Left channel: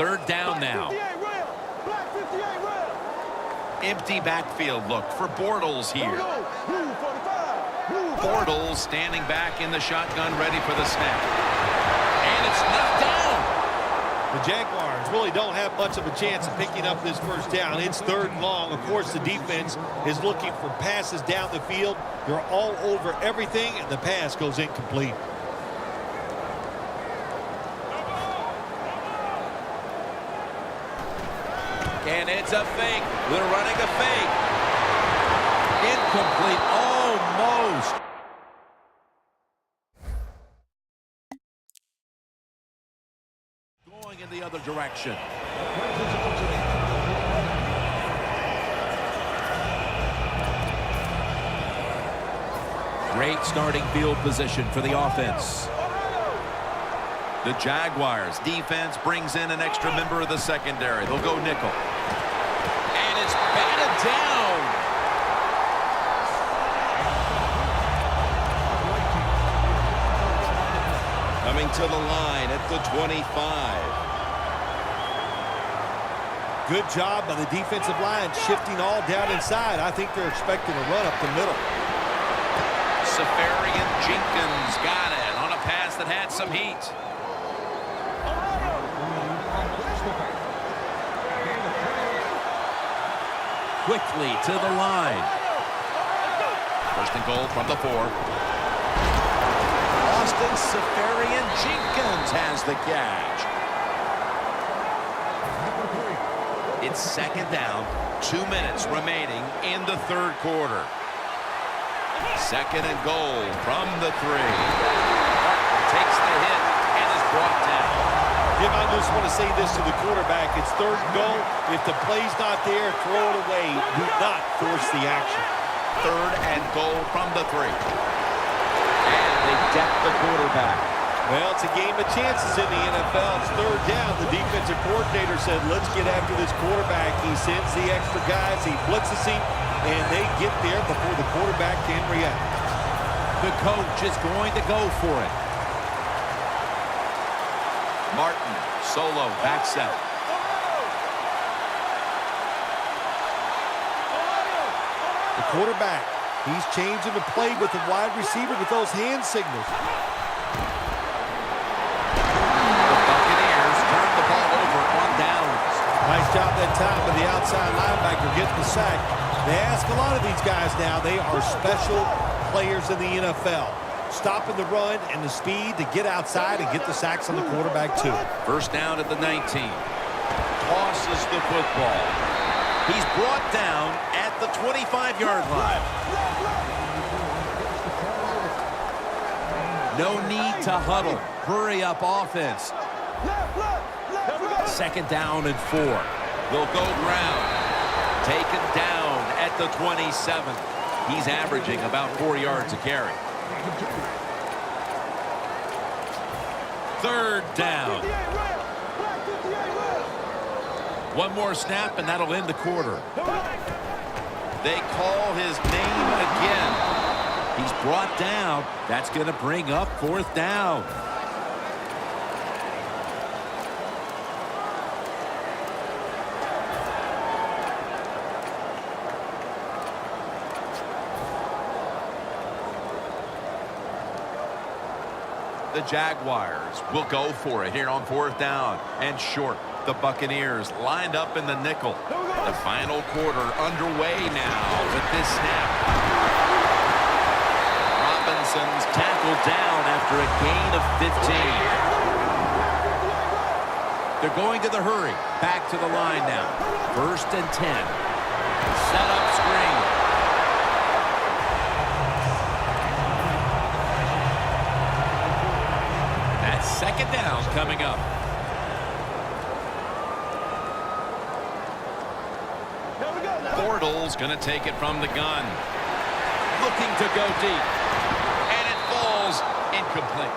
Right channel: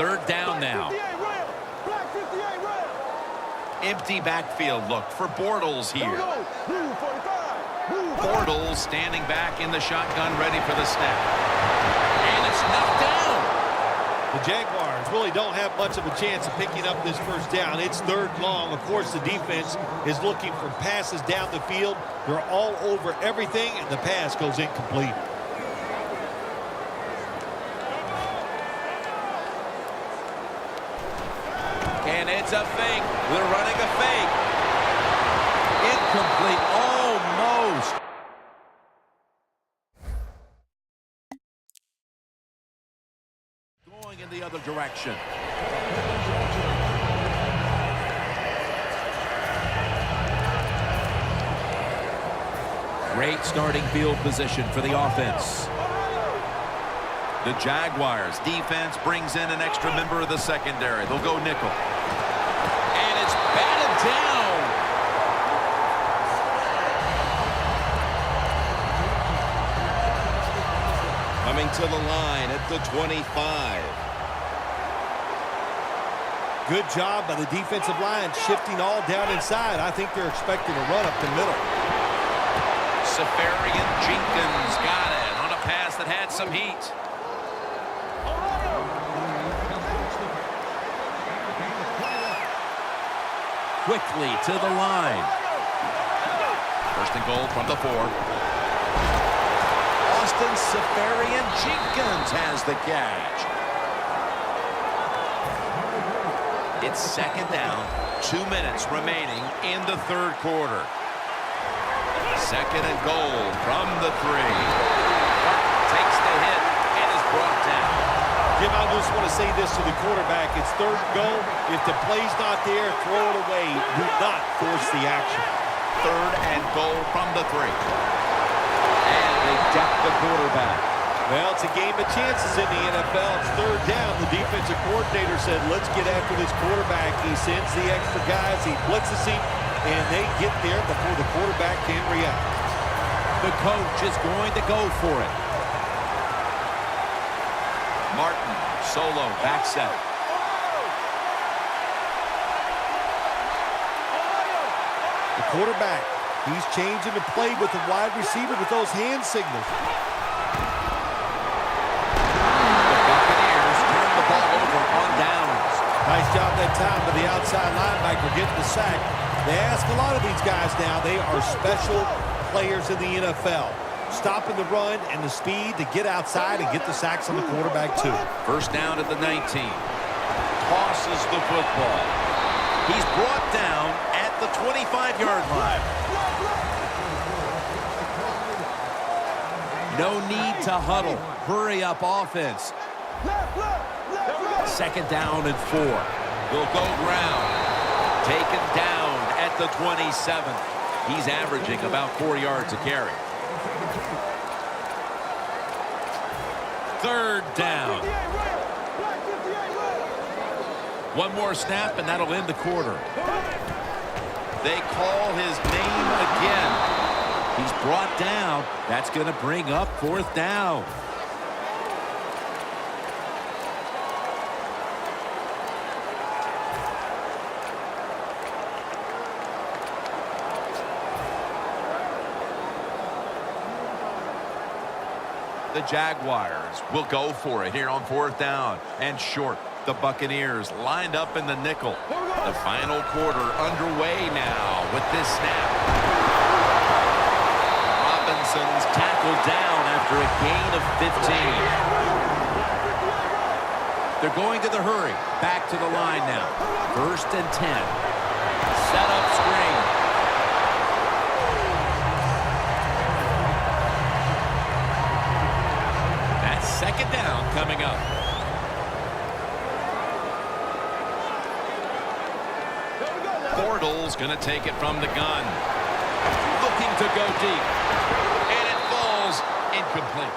Third down now. Empty backfield look for Bortles here. Bortles standing back in the shotgun, ready for the snap. And it's knocked down. The Jaguars really don't have much of a chance of picking up this first down. It's third and long. Of course, the defense is looking for passes down the field. They're all over everything, and the pass goes incomplete. And it's a fake. They're running a fake. Incomplete. Almost. Going in the other direction. Great starting field position for the offense. The Jaguars defense brings in an extra member of the secondary. They'll go nickel. And it's batted down. Coming to the line at the 25. Good job by the defensive line shifting all down inside. I think they're expecting a run up the middle. Safarian Jenkins got it on a pass that had some heat. Quickly to the line. First and goal from the 4. Austin Safarian Jenkins has the catch. It's second down, 2 minutes remaining in the third quarter. Second and goal from the 3. Martin takes the hit and is brought down. Jim, I just want to say this to the quarterback. It's third and goal. If the play's not there, throw it away. Do not force the action. Third and goal from the 3. And they deck the quarterback. Well, it's a game of chances in the NFL. It's third down. The defensive coordinator said, let's get after this quarterback. He sends the extra guys. He blitzes him, and they get there before the quarterback can react. The coach is going to go for it. Martin, solo, back set. The quarterback, he's changing the play with the wide receiver with those hand signals. The Buccaneers turn the ball over on downs. Nice job that time by the outside linebacker getting the sack. They ask a lot of these guys now. They are special players in the NFL. Stopping the run and the speed to get outside and get the sacks on the quarterback too. First down at the 19. Tosses the football. He's brought down at the 25-yard line. No need to huddle. Hurry up offense. Second down and 4. They'll go ground. Taken down at the 27. He's averaging about 4 yards a carry. Third down. One more snap, and that'll end the quarter. They call his name again. He's brought down. That's going to bring up fourth down. The Jaguars will go for it here on fourth down and short. The Buccaneers lined up in the nickel. The final quarter underway now with this snap. Robinson's tackled down after a gain of 15. They're going to the hurry. Back to the line now. First and 10. Set up screen. Second down coming up. Bortles going to take it from the gun. Looking to go deep. And it falls incomplete.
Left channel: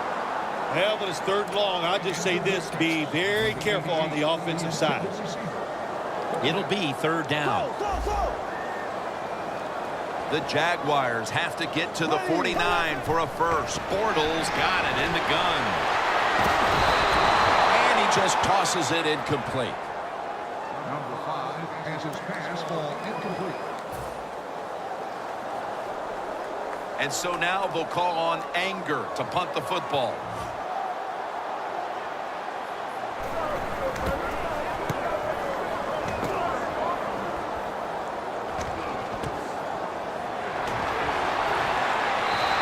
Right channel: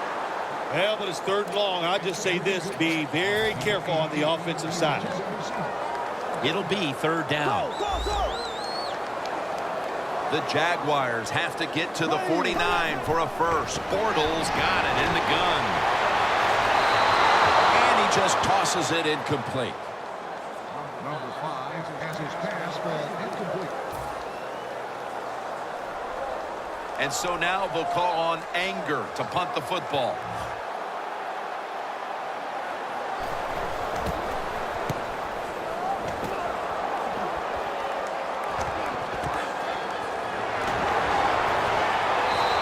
Well, but it's third and long. I'll just say this. Be very careful on the offensive side. It'll be third down. The Jaguars have to get to the 49 for a first. Bortles got it in the gun. just tosses it incomplete. And so now they'll call on Anger to punt the football.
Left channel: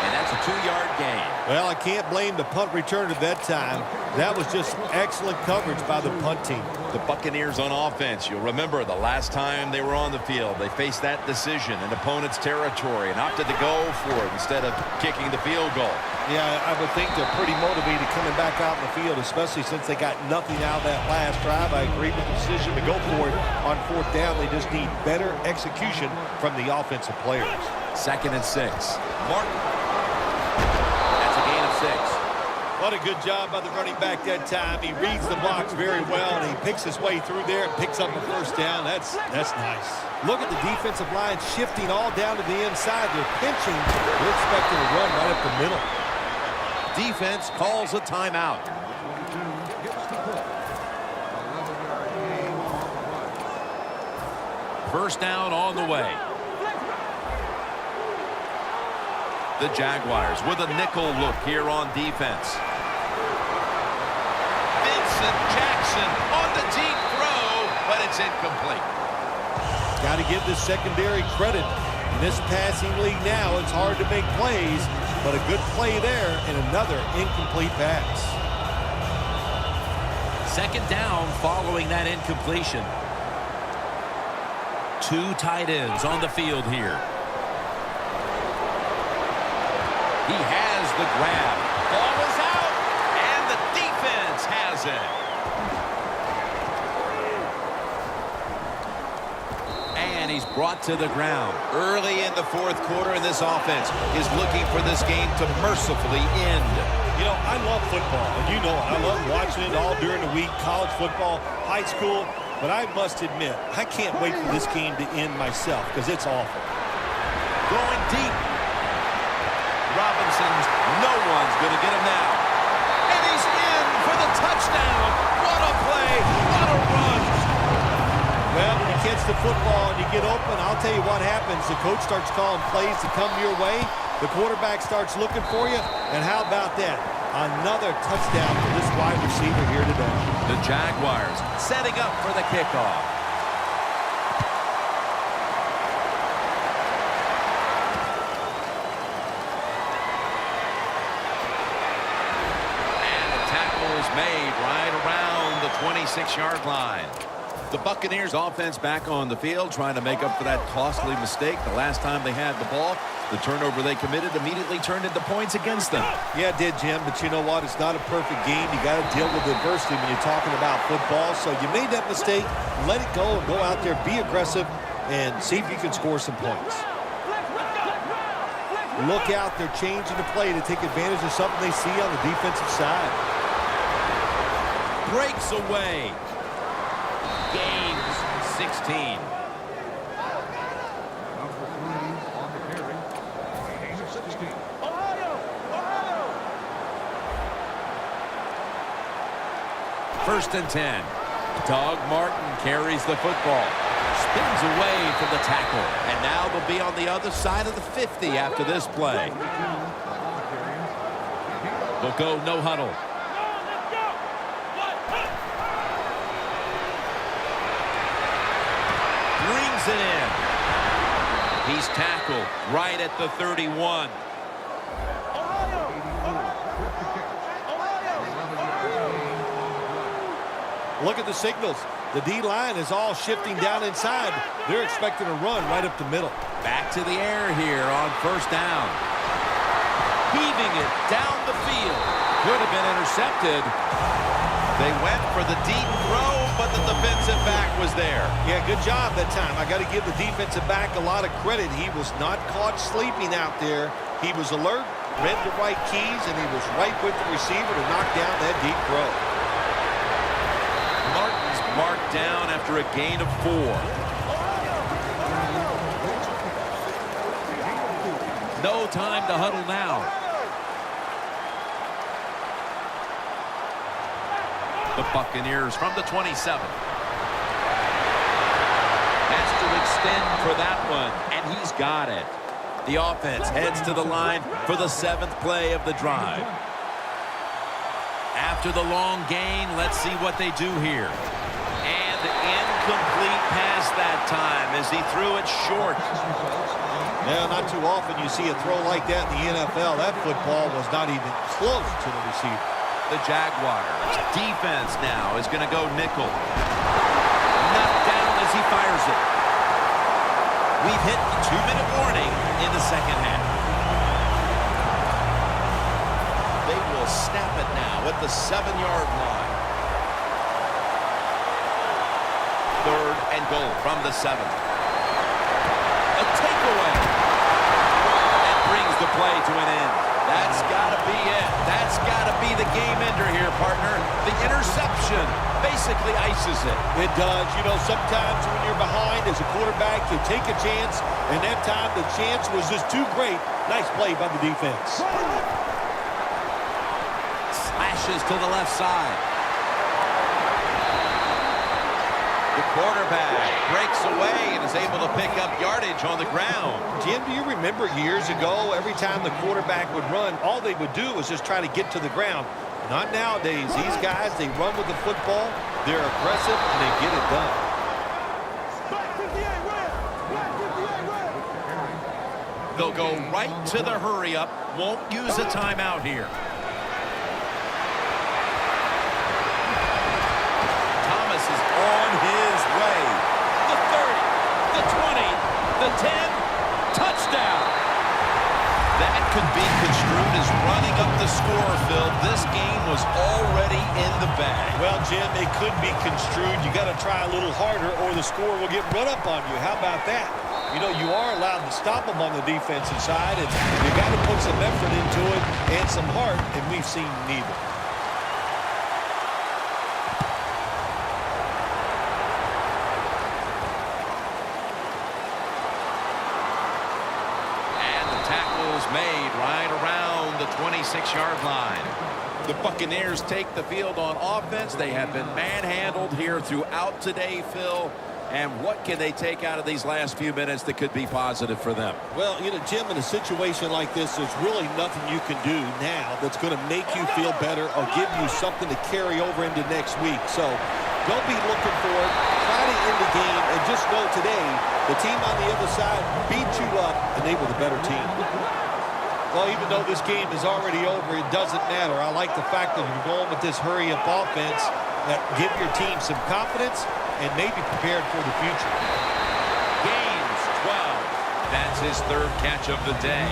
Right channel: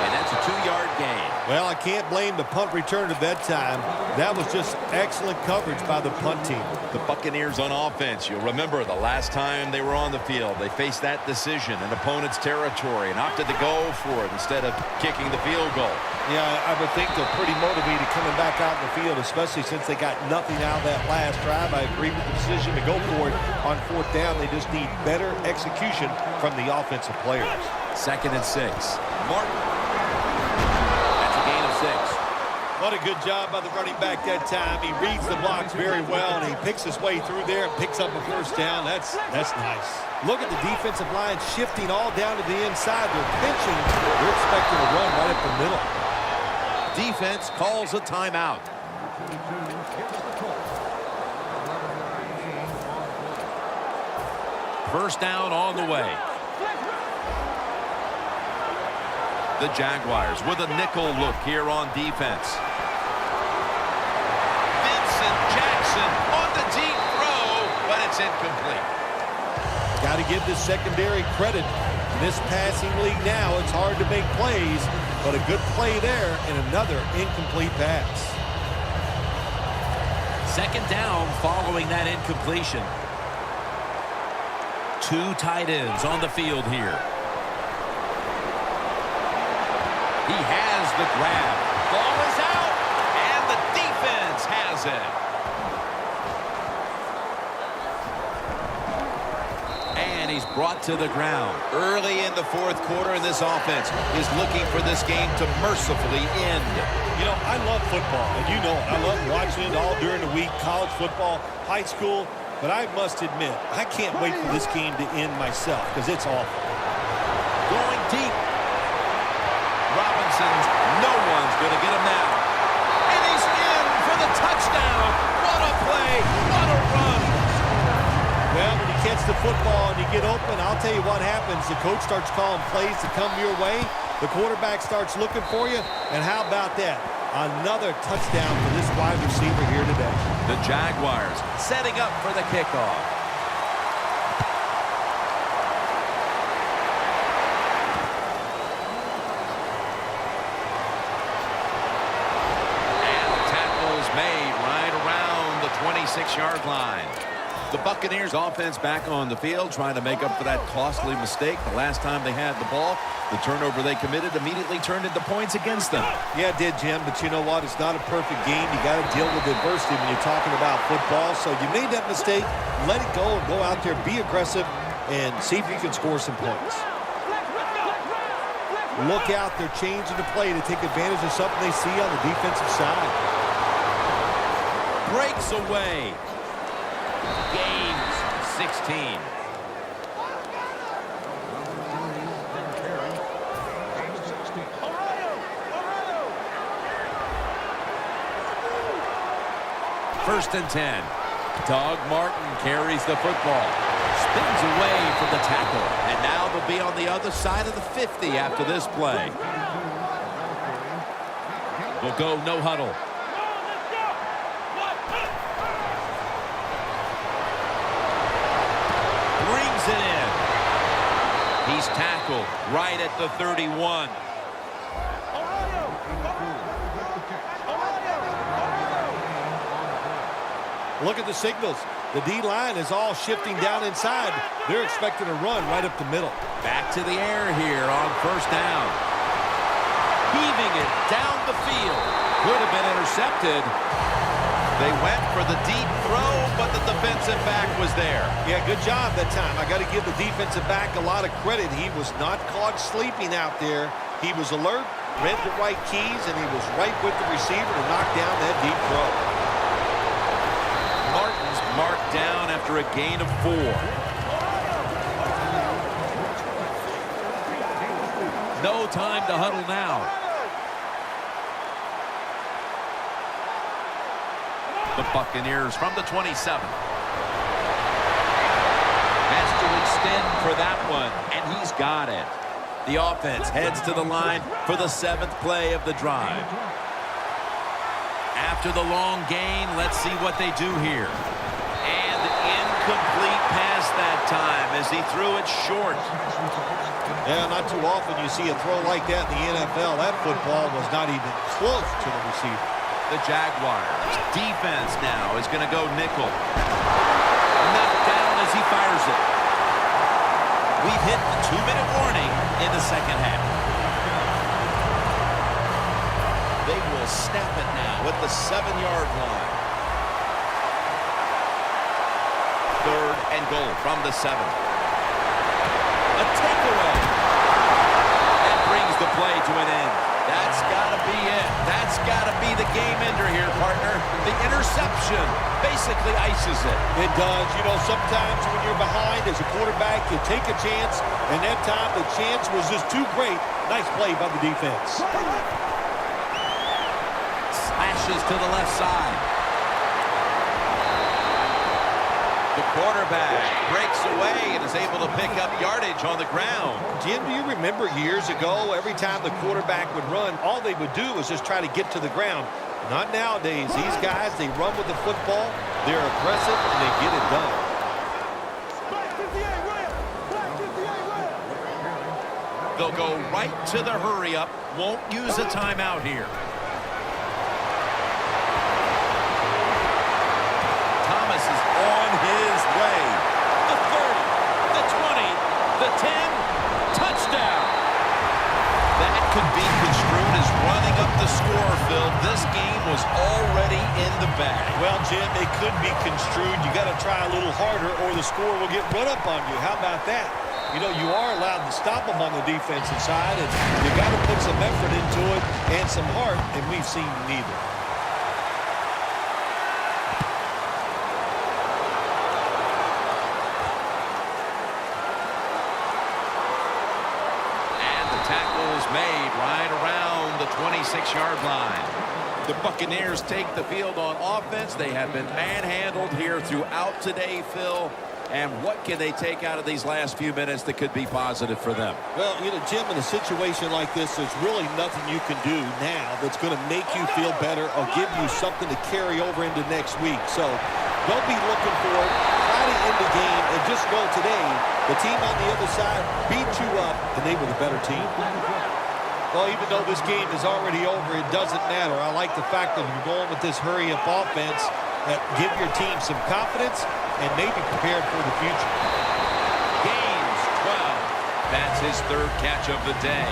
And that's a 2-yard gain. Well, I can't blame the punt return at that time. That was just excellent coverage by the punt team. The Buccaneers on offense, you'll remember the last time they were on the field, they faced that decision in opponent's territory and opted to go for it instead of kicking the field goal. Yeah, I would think they're pretty motivated coming back out in the field, especially since they got nothing out of that last drive. I agree with the decision to go for it on 4th down. They just need better execution from the offensive players. 2nd and 6. Martin. That's a gain of 6. What a good job by the running back that time. He reads the blocks very well, and he picks his way through there and picks up a 1st down. That's nice. Look at the defensive line shifting all down to the inside. They're pinching. They're expecting a run right up the middle. Defense calls a timeout. First down on the way. The Jaguars with a nickel look here on defense. Jackson on the deep throw, but it's incomplete. Got to give this secondary credit. In this passing league now, it's hard to make plays, but a good play there and another incomplete pass. 2nd down following that incompletion. 2 tight ends on the field here. He has the grab. Ball is out, and the defense has it. And he's brought to the ground. Early in the 4th quarter, and this offense is looking for this game to mercifully end. You know, I love football, and you know it. I love watching it all during the week, college football, high school. But I must admit, I can't wait for this game to end myself because it's awful. Going deep. Robinson's, no one's going to get him now. And he's in for the touchdown. What a play. What a run. Well, when you catch the football and you get open, I'll tell you what happens. The coach starts calling plays to come your way. The quarterback starts looking for you. And how about that? Another touchdown for this wide receiver here today. The Jaguars setting up for the kickoff. Made right around the 26-yard line. The Buccaneers offense back on the field trying to make up for that costly mistake the last time they had the ball. The turnover they committed immediately turned into points against them. Yeah, it did, Jim, but you know what? It's not a perfect game. You got to deal with adversity when you're talking about football. So you made that mistake, let it go, and go out there, be aggressive, and see if you can score some points. Look out, they're changing the play to take advantage of something they see on the defensive side. Breaks away. Gains 16. First and 10. Doug Martin carries the football. Spins away from the tackle. And now they'll be on the other side of the 50 after this play. They'll go no huddle. Brings it in. He's tackled right at the 31. Look at the signals. The D-line is all shifting down inside. They're expecting a run right up the middle. Back to the air here on first down. Heaving it down the field. Could have been intercepted. They went for the deep throw, but the defensive back was there. Yeah, good job that time. I got to give the defensive back a lot of credit. He was not caught sleeping out there. He was alert, read the right keys, and he was right with the receiver to knock down that deep throw. Martin's marked down after a gain of 4. No time to huddle now. The Buccaneers from the 27. Has to extend for that one, and he's got it. The offense heads to the line for the 7th play of the drive. After the long gain, let's see what they do here. And incomplete pass that time as he threw it short. Yeah, not too often you see a throw like that in the NFL. That football was not even close to the receiver. The Jaguars defense now is going to go nickel. Knocked down as he fires it. We've hit the 2-minute warning in the second half. They will snap it now at the 7-yard line. 3rd and goal from the 7. A takeaway. That brings the play to an end. That's got to be it. That's got to be the game ender here, partner. The interception basically ices it. It does. You know, sometimes when you're behind as a quarterback, you take a chance, and that time the chance was just too great. Nice play by the defense. Slashes to the left side. The quarterback breaks away and is able to pick up yardage on the ground. Jim, do you remember years ago, every time the quarterback would run, all they would do was just try to get to the ground? Not nowadays. These guys, they run with the football, they're aggressive, and they get it done. Black 58 red. Black 58 red. They'll go right to the hurry-up. Won't use a timeout here. Thomas is on his way. The 30, the 20, the 10, touchdown. That could be construed as running up the score, Phil. This game was already in the bag. Well, Jim, it could be construed. You got to try a little harder or the score will get run up on you. How about that? You know, you are allowed to stop them on the defensive side, and you got to put some effort into it and some heart, and we've seen neither. Tackles made right around the 26-yard line. The Buccaneers take the field on offense. They have been manhandled here throughout today, Phil. And what can they take out of these last few minutes that could be positive for them? Well, you know, Jim, in a situation like this, there's really nothing you can do now that's going to make you feel better or give you something to carry over into next week. So don't be looking for it. Try to end the game and just know today the team on the other side beat you up and they were the better team. Well, even though this game is already over, it doesn't matter. I like the fact that you're going with this hurry-up offense that give your team some confidence and maybe prepared for the future. Gains 12. That's his 3rd catch of the day.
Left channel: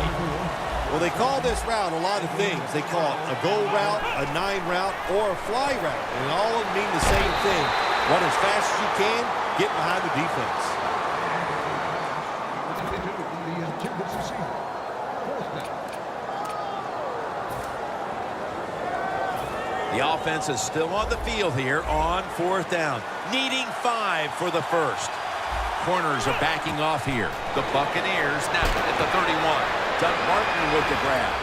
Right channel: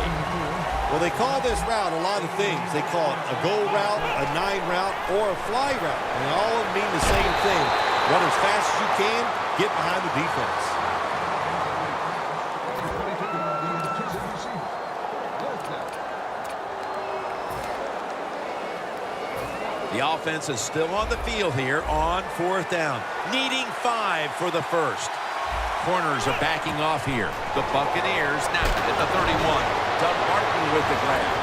Well, they call this route a lot of things. They call it a go route, a 9 route, or a fly route. And all of them mean the same thing. Run as fast as you can, get behind the defense. The offense is still on the field here on 4th down, needing 5 for the first. Corners are backing off here. The Buccaneers snap it at the 31. Doug Martin with the grab.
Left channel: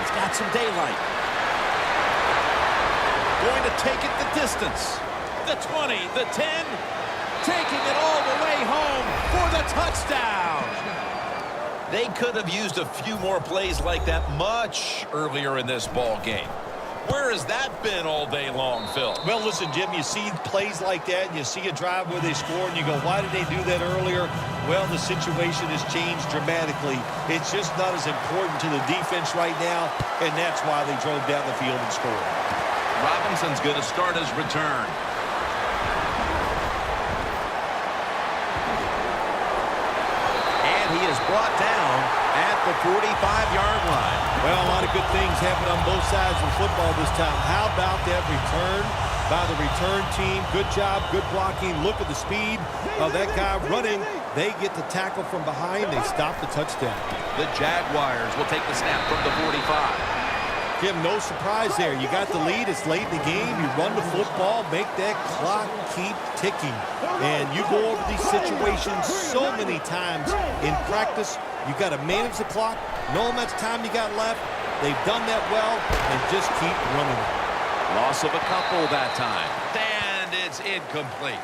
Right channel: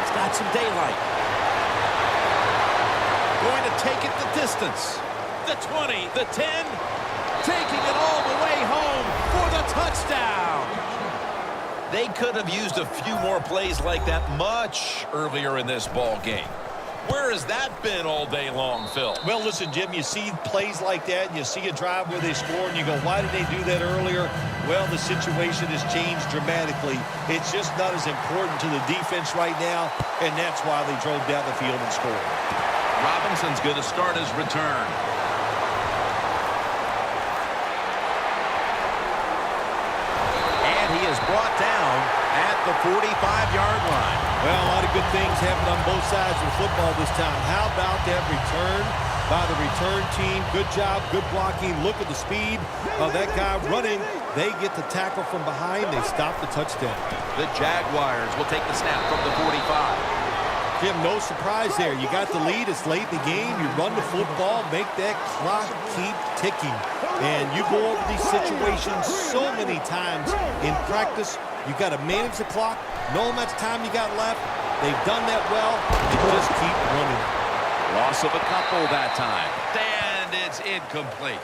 He's got some daylight. Going to take it the distance. The 20, the 10, taking it all the way home for the touchdown. They could have used a few more plays like that much earlier in this ball game. Where has that been all day long, Phil? Well, listen, Jim, you see plays like that, and you see a drive where they score, and you go, why did they do that earlier? Well, the situation has changed dramatically. It's just not as important to the defense right now, and that's why they drove down the field and scored. Robinson's going to start his return. And he is brought down at the 45-yard line. Well, a lot of good things happen on both sides of the football this time. How about that return by the return team? Good job, good blocking. Look at the speed of that guy running. They get the tackle from behind. They stop the touchdown. The Jaguars will take the snap from the 45. Jim, no surprise there. You got the lead. It's late in the game. You run the football, make that clock keep ticking. And you go over these situations so many times in practice. You got to manage the clock, know how much time you got left. They've done that well, and just keep running it. Loss of a couple that time. And it's incomplete.